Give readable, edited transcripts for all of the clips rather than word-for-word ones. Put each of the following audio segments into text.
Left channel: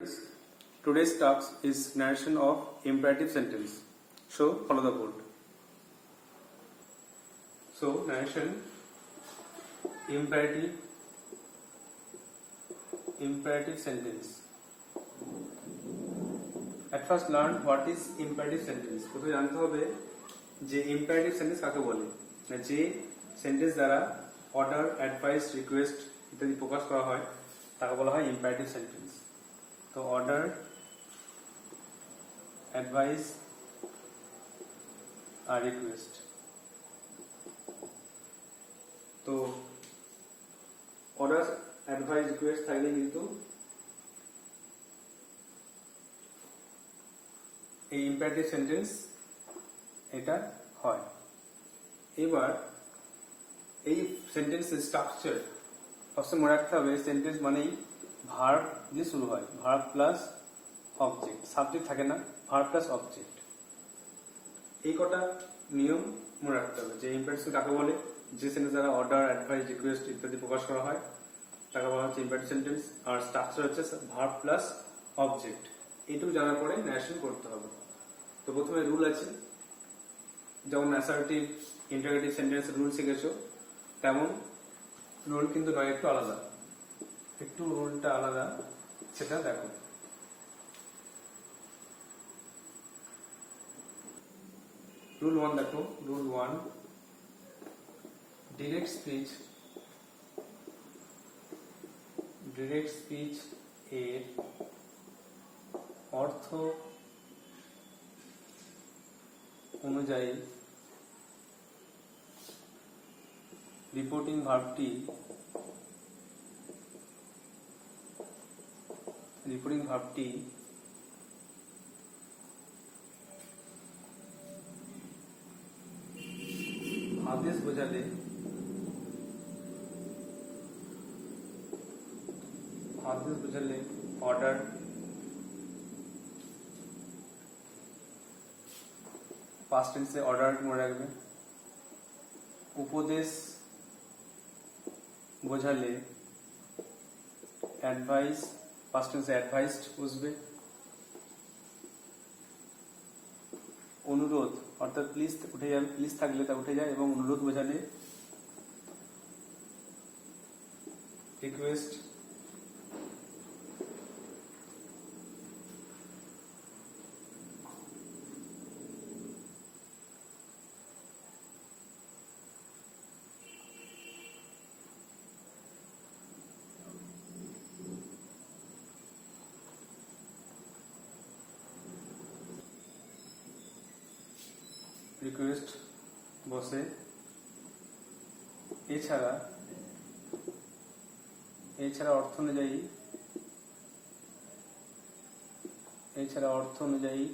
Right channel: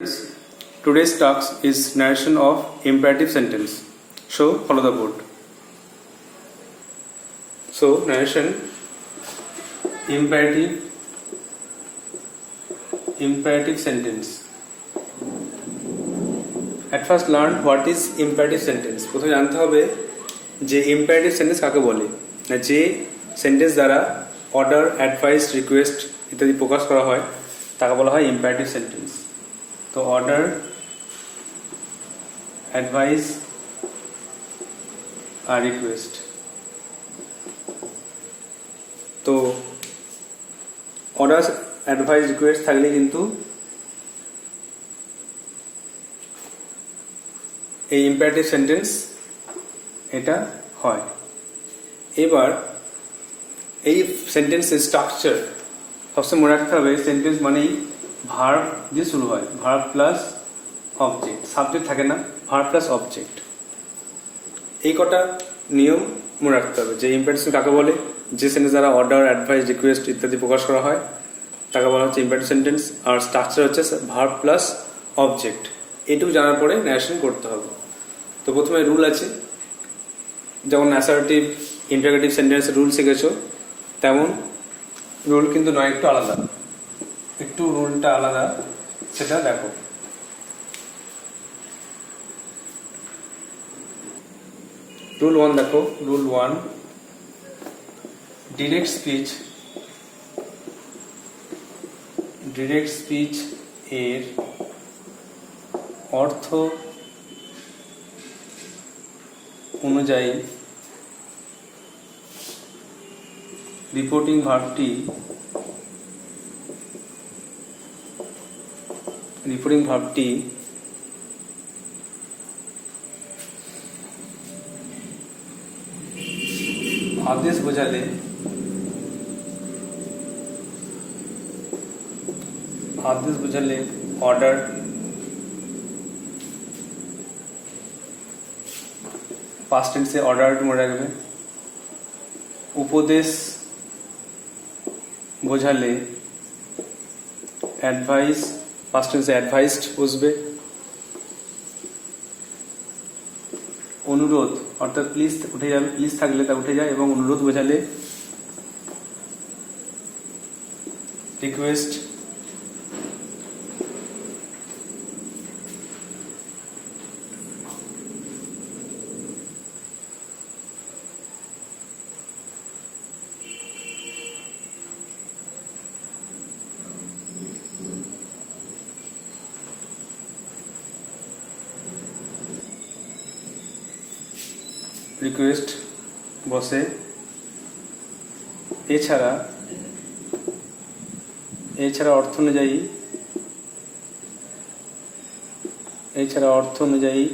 Today's task is narration of imperative sentence. So follow the board. So narration imperative sentence. At first learn what is imperative sentence. প্রথমে জানতে হবে যে imperative sentence কাকে বলে, যে সেন্টেন্স দ্বারা অর্ডার, অ্যাডভাইস, রিকোয়েস্ট ইত্যাদি প্রকাশ করা হয় তাকে বলা হয় imperative sentence. তো অর্ডার, অ্যাডভাইস আর রিকোয়েস্ট। তো অর্ডার, অ্যাডভাইস, রিকোয়েস্ট থাকলে কিন্তু এই ইম্পারেটিভ সেন্টেন্স এটা হয়। এবার এই সেন্টেন্সের স্ট্রাকচার সবসময় মনে রাখতে হবে, সেন্টেন্স মানেই ভার্ব দিয়ে শুরু হয়, ভার্ব প্লাস অবজেক্ট, সাবজেক্ট থাকে না, ভার্ব প্লাস অবজেক্ট। এই কটা নিয়ম মনে রাখতে হবে। যে ইম্পারেটিভ কাকে বলে, যে সেন্টেন্স দ্বারা অর্ডার, অ্যাডভাইস, রিকোয়েস্ট ইত্যাদি প্রকাশ করা হয় তাকে বলা হচ্ছে ইম্পারেটিভ সেন্টেন্স। আর স্ট্রাকচার হচ্ছে ভার্ব প্লাস অবজেক্ট। এটুকু জানার পরে ন্যারেশন করতে হবে। তো প্রথমে রুল আছে, যেমন অ্যাসার্টিভ, ইন্টারোগেটিভ সেন্টেন্সের রুল শিখেছো, তেমন রুল কিন্তু নয়, একটু আলাদা, একটু রুলটা আলাদা, সেটা দেখো। রুল 1 দেখো, রুল 1, ডিরেক্ট স্পিচ এর অর্থ অনুযায়ী রিপোর্টিং ভার্বটি আদেশ বোঝালে অর্ডার, পাস্ট টেন্সে অর্ডার মনে রাখবে। উপদেশ বোঝালে অ্যাডভাইস, পাস্ট টেন্সে অ্যাডভাইসড বুঝবে। অনুরোধ অর্থাৎ প্লিজ উঠে যাবে, প্লিজ থাকলে তা উঠে যায়, এবং অনুরোধ বোঝালে রিকোয়েস্ট। রিকোয়েস্ট বসে। এছাড়া অর্থ অনুযায়ী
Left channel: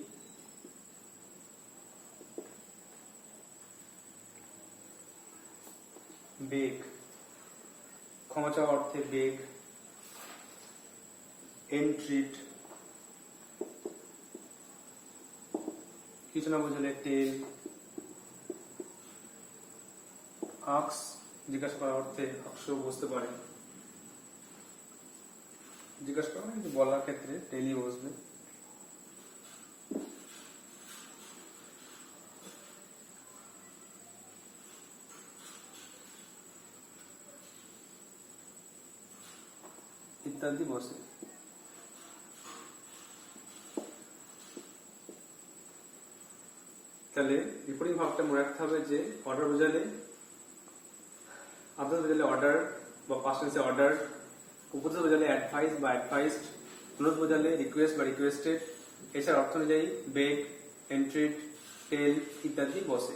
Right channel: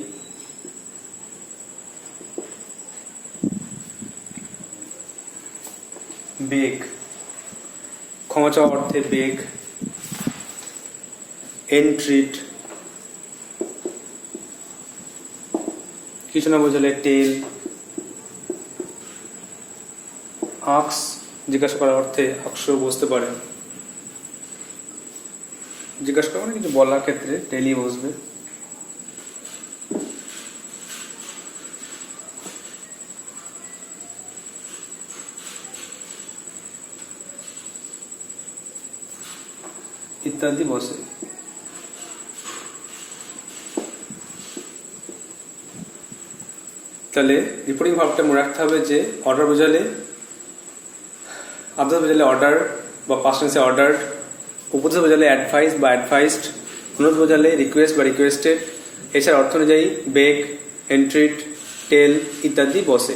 বেগ, ক্ষমা চাওয়া অর্থে বেগ। এন্ট্রিট, কিছু না বোঝালে টেল। আক্স, জিজ্ঞাসা করার অর্থে আকশ বুঝতে পারে, জিজ্ঞাসা করা মানে কিছু বলার ক্ষেত্রে টেলি বসবে। ইত্যাদি বসে। তাহলে রিপোর্টিং ভার্বটা মনে রাখতে হবে যে অর্ডার বোঝালে, আদেশ বোঝালে অর্ডার বা পাস্ট টেন্সে অর্ডার্ড, উপদেশ বোঝালে অ্যাডভাইস বা অ্যাডভাইসড, অনুরোধ বোঝালে রিকোয়েস্ট বা রিকোয়েস্টেড। এছাড়া অর্থ অনুযায়ী বেগ, এন্ট্রিট, টেল ইত্যাদি বসে।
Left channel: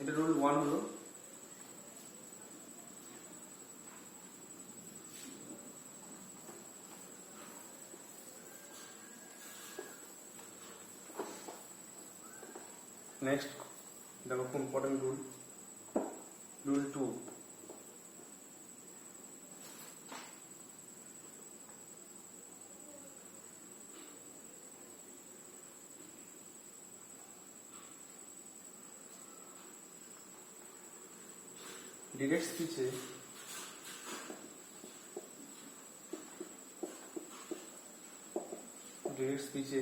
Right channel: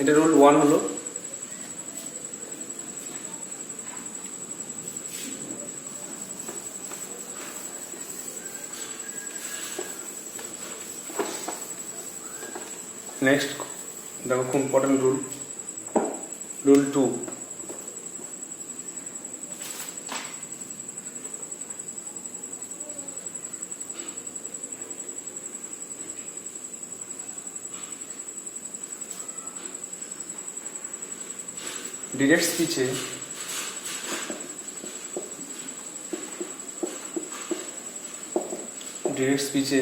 এটা রুল 1 হলো। নেক্সট দেখো, খুব ইম্পর্টেন্ট রুল, রুল 2, ডিরেক্ট স্পিচে ডিরেক্ট স্পিচে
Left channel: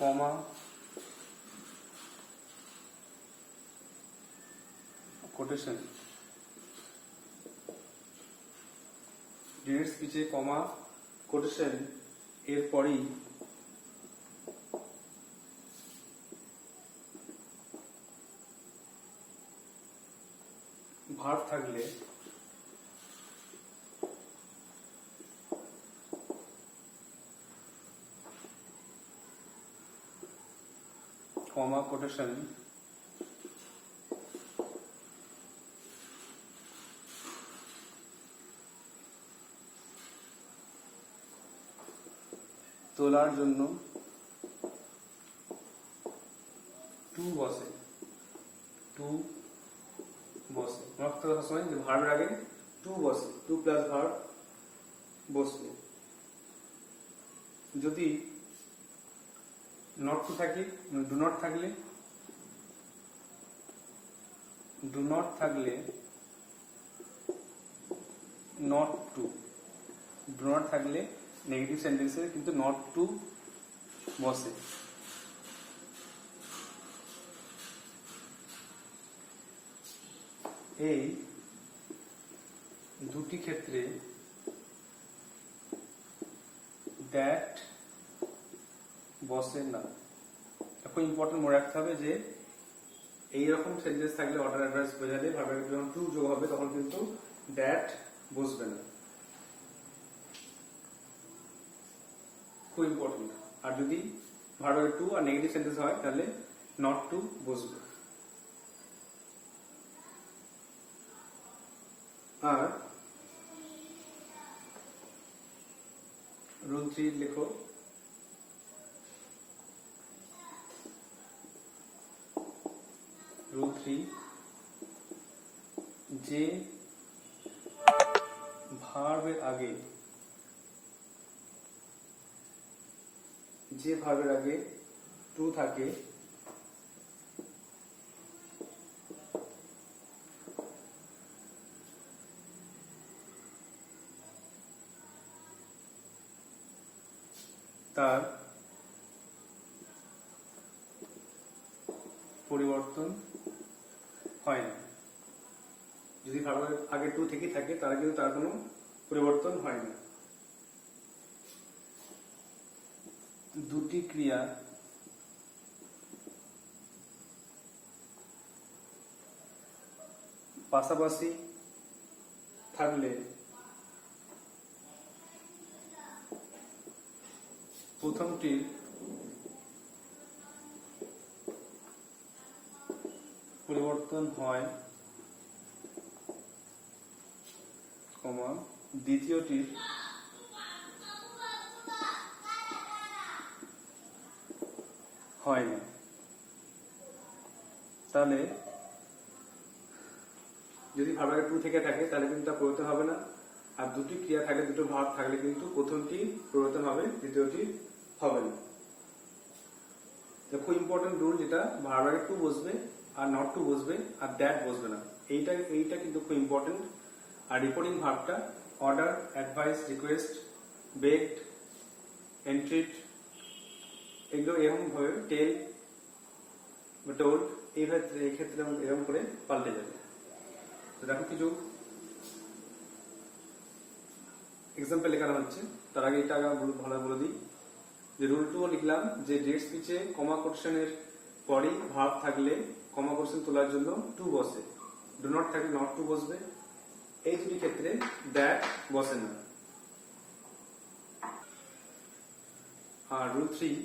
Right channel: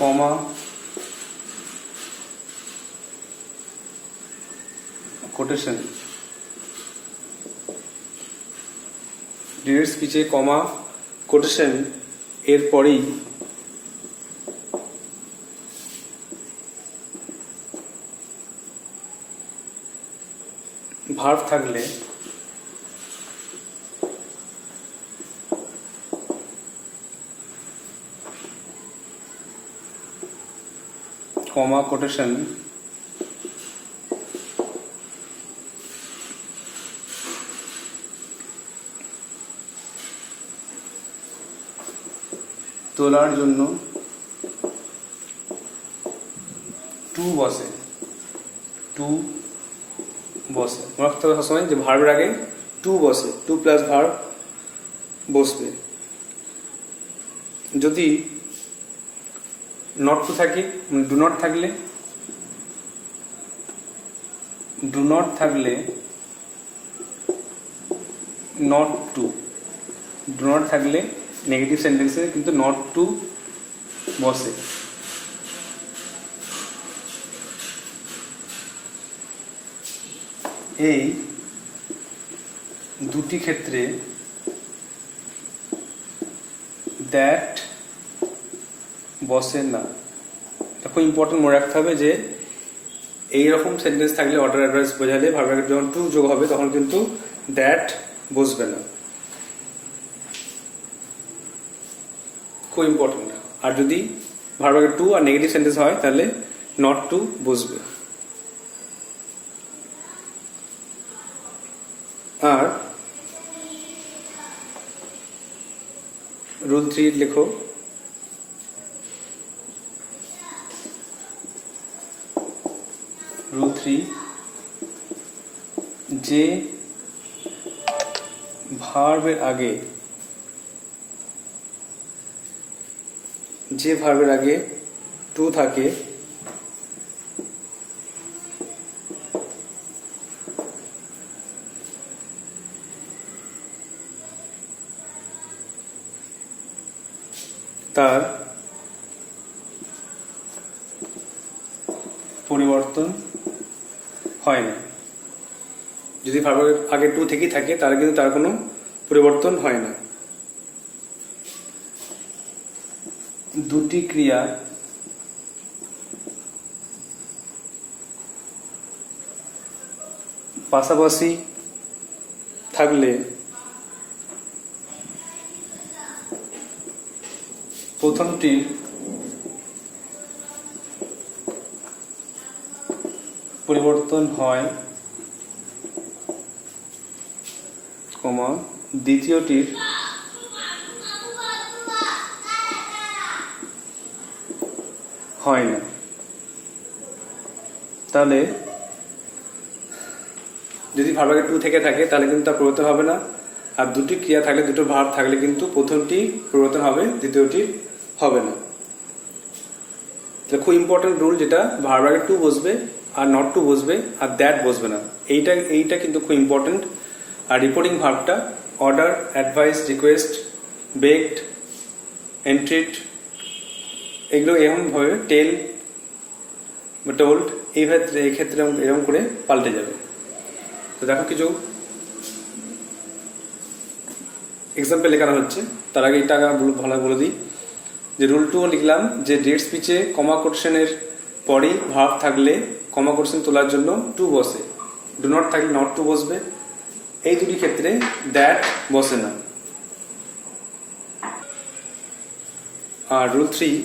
কমা কোটেশন, ডিরেক্ট স্পিচে কমা কোটেশন এর পরেই ভার্ব থাকলে কমা কোটেশন তোলার জন্য টু বসে, টু বসে। মনে রাখতে হবে সবসময় যে ভার্বের আগে টু বসে, টু প্লাস ভার্ব বসবে। যদি নট টু থাকে, ডু নট থাকলে, ডু নট থাকলে নট টু, ডু নট থাকলে নেগেটিভ সেন্টেন্সে কিন্তু নট টু বসে। এই দুটি ক্ষেত্রে দ্যাট বসে না। এটা খুব ইম্পর্টেন্ট মনে রাখতে হবে যে এইরকম সেন্টেন্স থাকলে অর্ডার অ্যাডভার্স বোঝালে ভার্বের যখন টু যোগ হবে তখন কিন্তু দ্যাট বসবে না, খুব ইম্পর্টেন্ট। আর যদি ভার্বের টু আর নেগেটিভ সেন্টেন্স হয় তাহলে নট টু বসবে। আর রুল 3 লেখো, রুল 3 যে ভার্বের আগে, যে ভার্বের আগে টু থাকে তার পরিবর্তন হয় না। যদি ভার্বের আগে টু থেকেই থাকে তাহলে কিন্তু তার কোনো পরিবর্তন হয় না। দুটি ক্রিয়া পাশাপাশি থাকলে প্রথমটির পরিবর্তন হয়, কমা দ্বিতীয়টির হয় না। তাহলে যদি ভার্ব আগে টু থেকে থাকে তাহলে কিন্তু তার পরিবর্তন হবে না। আর দুটি ক্রিয়া থাকলে, দুটো ভার্ব থাকলে কিন্তু প্রথমটি পরিবর্তন হবে, দ্বিতীয়টি হবে না। খুব ইম্পর্টেন্ট রুল, যেটা ভার্ব আগে টু বসবে আর নট টু বসবে আর দ্যাট বসবে না। এইটা কিন্তু খুব ইম্পর্টেন্ট। আর রিপোর্টিং ভার্বটা order, advice, request, begged, entreated, এগুলো এরকমভাবে টেল বা টোল্ড, এই ক্ষেত্রে এরকম করে পাল্টে যাবে। তো দেখো কিছু এক্সাম্পল লেখানো হচ্ছে। তার আগে এটা ভালো বলে দিই যে রুল 2 লিখলাম যে ডিরেক্ট স্পিচে কমা কোটেশনের পরে ভার্ব থাকলে কমা কোটেশন তোলার জন্য টু বসে, ডু নট থাকলে নট টু বসবে। এই দুটি ক্ষেত্রে দ্যাট বসে না। আর রুল 3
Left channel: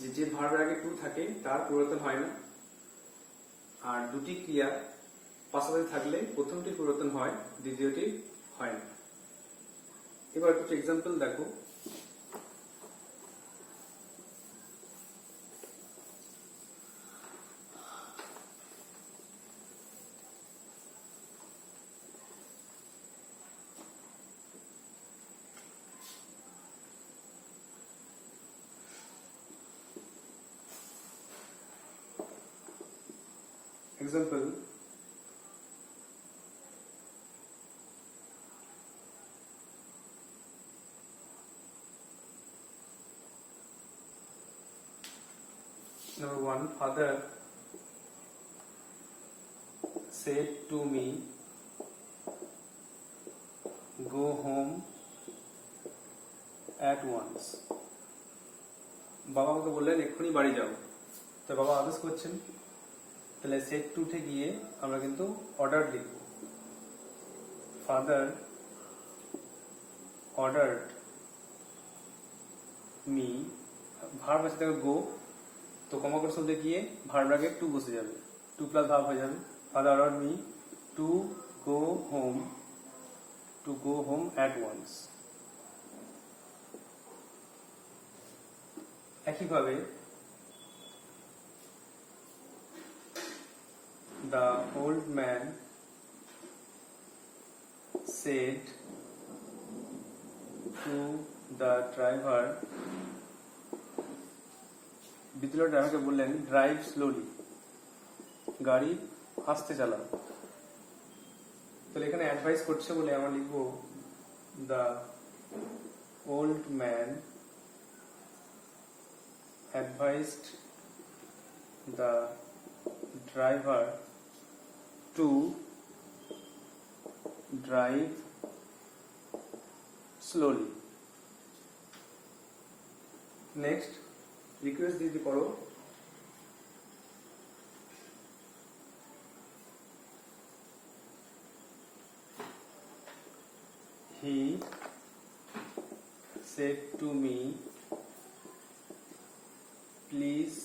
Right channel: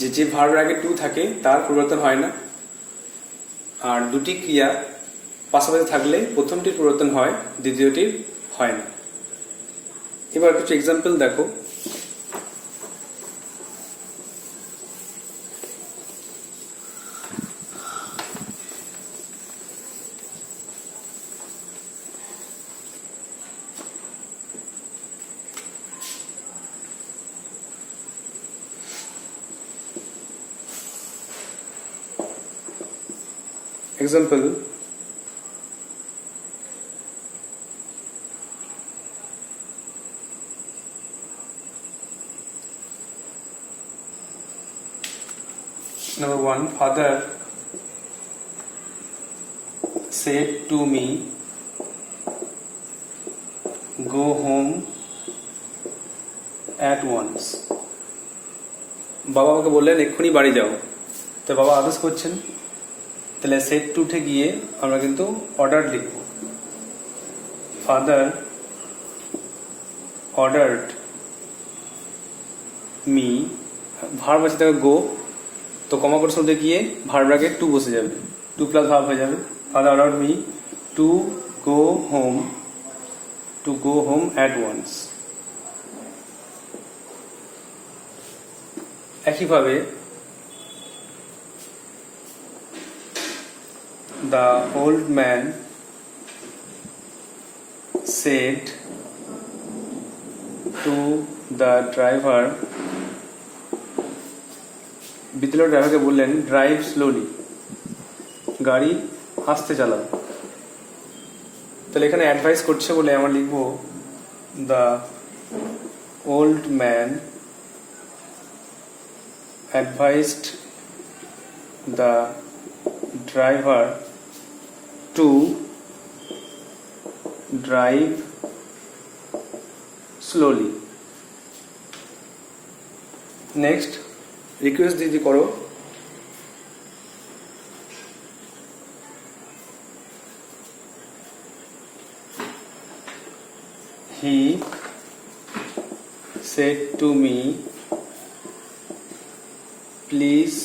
যে ভার্বের আগে টু থাকে তার পরিবর্তন হয় না। আর দুটি ক্রিয়া পাশাপাশি থাকলে প্রথমটির পরিবর্তন হয়, দ্বিতীয়টির হয় না। এবার কিছু এক্সাম্পল দেখো। Example, Number 1, father said to me, go home at once. বাবা আমাকে বললেন এক্ষুনি বাড়ি যাও, তো বাবা আদেশ করছেন, তাহলে সেট টু উঠে গিয়ে আমরা কিন্তু অর্ডার লিখব। ফাদার অর্ডারড মি, ভার্ব আছে তাকে গো, তো কমা করে শুনতে গিয়ে ভার্ব আগে টু বসে যাবে, টু প্লাস ভার্ব হয়ে যাবে। Father ordered me to go home at once. একইভাবে the old man said to the driver, বিদ্যালয়ের ড্রাইভারকে বললেন ড্রাইভ স্লোলি, গাড়ি আস্তে চালাও। তাহলে এখানে অ্যাডভাইস করছে বলে আমরা লিখব the old man advised the driver to drive slowly. Next, request দিদি করো। He said to me, please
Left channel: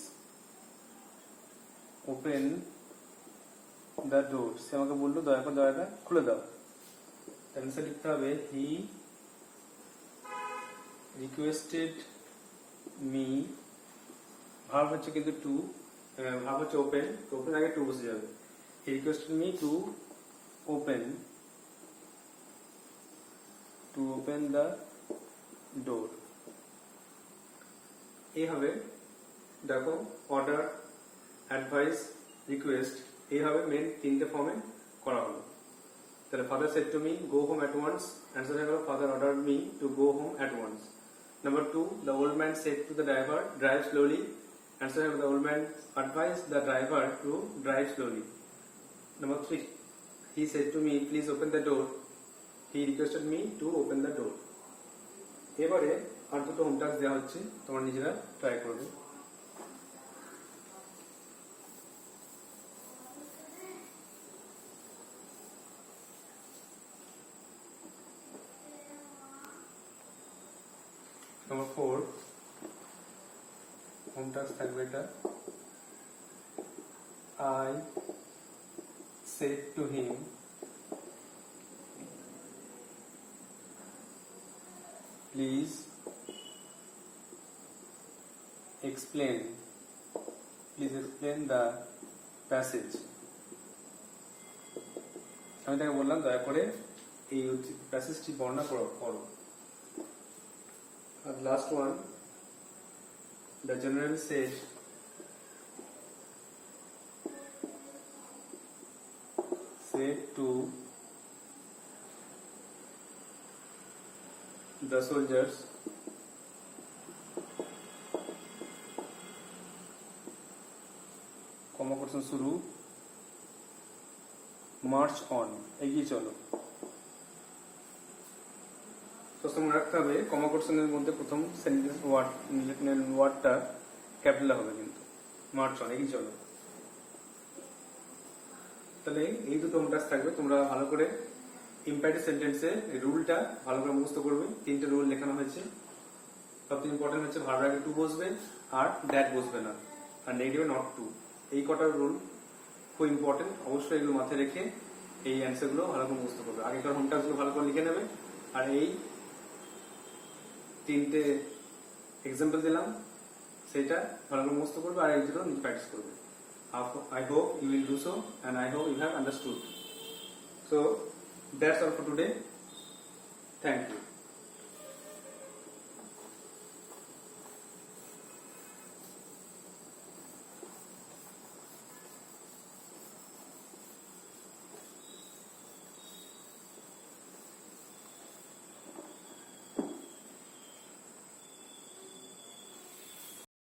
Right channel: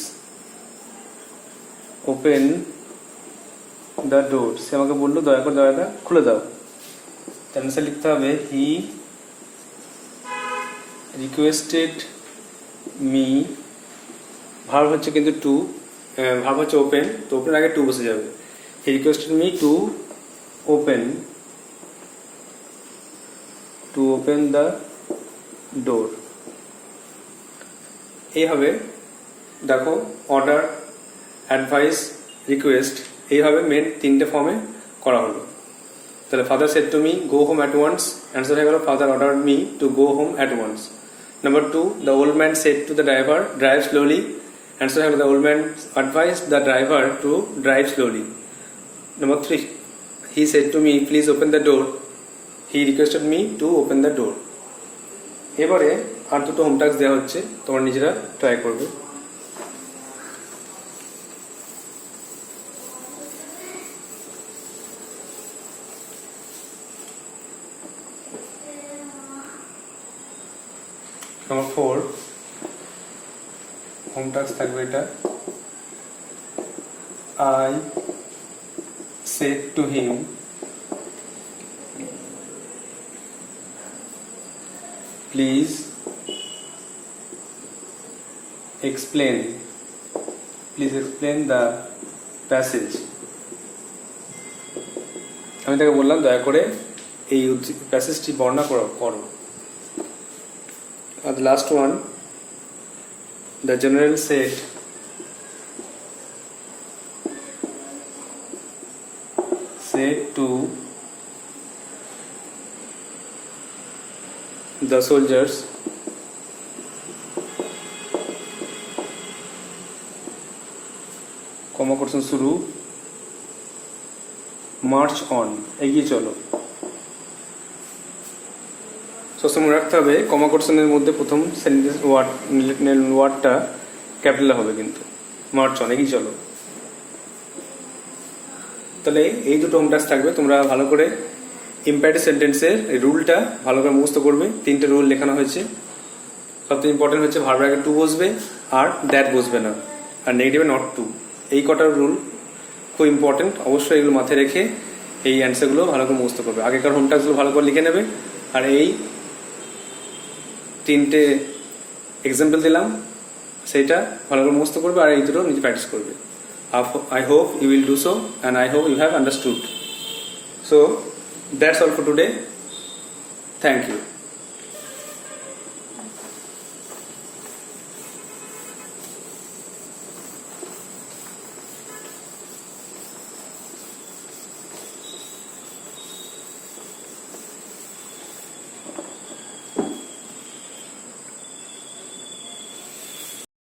open the door. সে আমাকে বললো দয়া করে দরজাটা খুলে দাও। অ্যান্সার লিখতে হবে হি রিকোয়েস্টেড মি, ভার্ব হচ্ছে কিন্তু টু, ভার্ব হচ্ছে ওপেন, তো ওপেন আগে টু বসে যাবে। He requested me to open the door. এইভাবে দেখো অর্ডার, অ্যাডভাইস, রিকোয়েস্ট, এইভাবে মেন তিনটে ফর্মে করা হলো। তাহলে father said to me go home at once, answer হয়ে গেল father order me to go home at once. Number 2, the old man said to the driver drive slowly, answer হয়ে গেল the old man advice the driver to drive slowly. Number 3, he said to me please open the door, he requested me to open the ডোর। এবারে আর দুটো home task দেওয়া হচ্ছে, তোমরা নিজেরা ট্রাই করবে। Number 4, home task থাকবে এটা, I said to him please explain the passage. আমি তাকে বললাম দয়া করে এই প্যাসেজটি বর্ণনা করো। And the last one, the general said to the soldiers, কমা করছেন শুরু, মার্চ অন, এগিয়ে চলো। সবসময় মনে রাখতে হবে কমা কোশ্চেনের মধ্যে প্রথম সেন্টেন্স ওয়ার্ডটা ক্যাপিটাল হবে, কিন্তু মার্চ অন, এগিয়ে চলো। তাহলে এই দুটো হোম টাস্ক থাকবে, তোমরা ভালো করে ইম্প্যারেটিভ সেন্টেন্সের রুলটা ভালো করে মুখস্থ করবে। 3টে রুল লেখানো হয়েছে। সবথেকে ইম্পর্টেন্ট হচ্ছে ভার্বের আগে টু বসবে আর দ্যাট বসবে না, আর নেগেটিভে নট টু। এই কটার রুল খুব ইম্পর্টেন্ট, অবশ্যই এগুলো মাথায় রেখে এই অ্যান্সারগুলো ভালো করে মুখস্থ করবে। আগেকার হোম টাস্কগুলো ভালো করে লিখে নেবে, আর এই 3টে এক্সাম্পল দিলাম সেইটা ভালো করে মুখস্থ করবে, আর এই দুটো নিজে প্র্যাকটিস করবে। I hope you will do so, and I hope you have understood. So that's all for today. Thank you.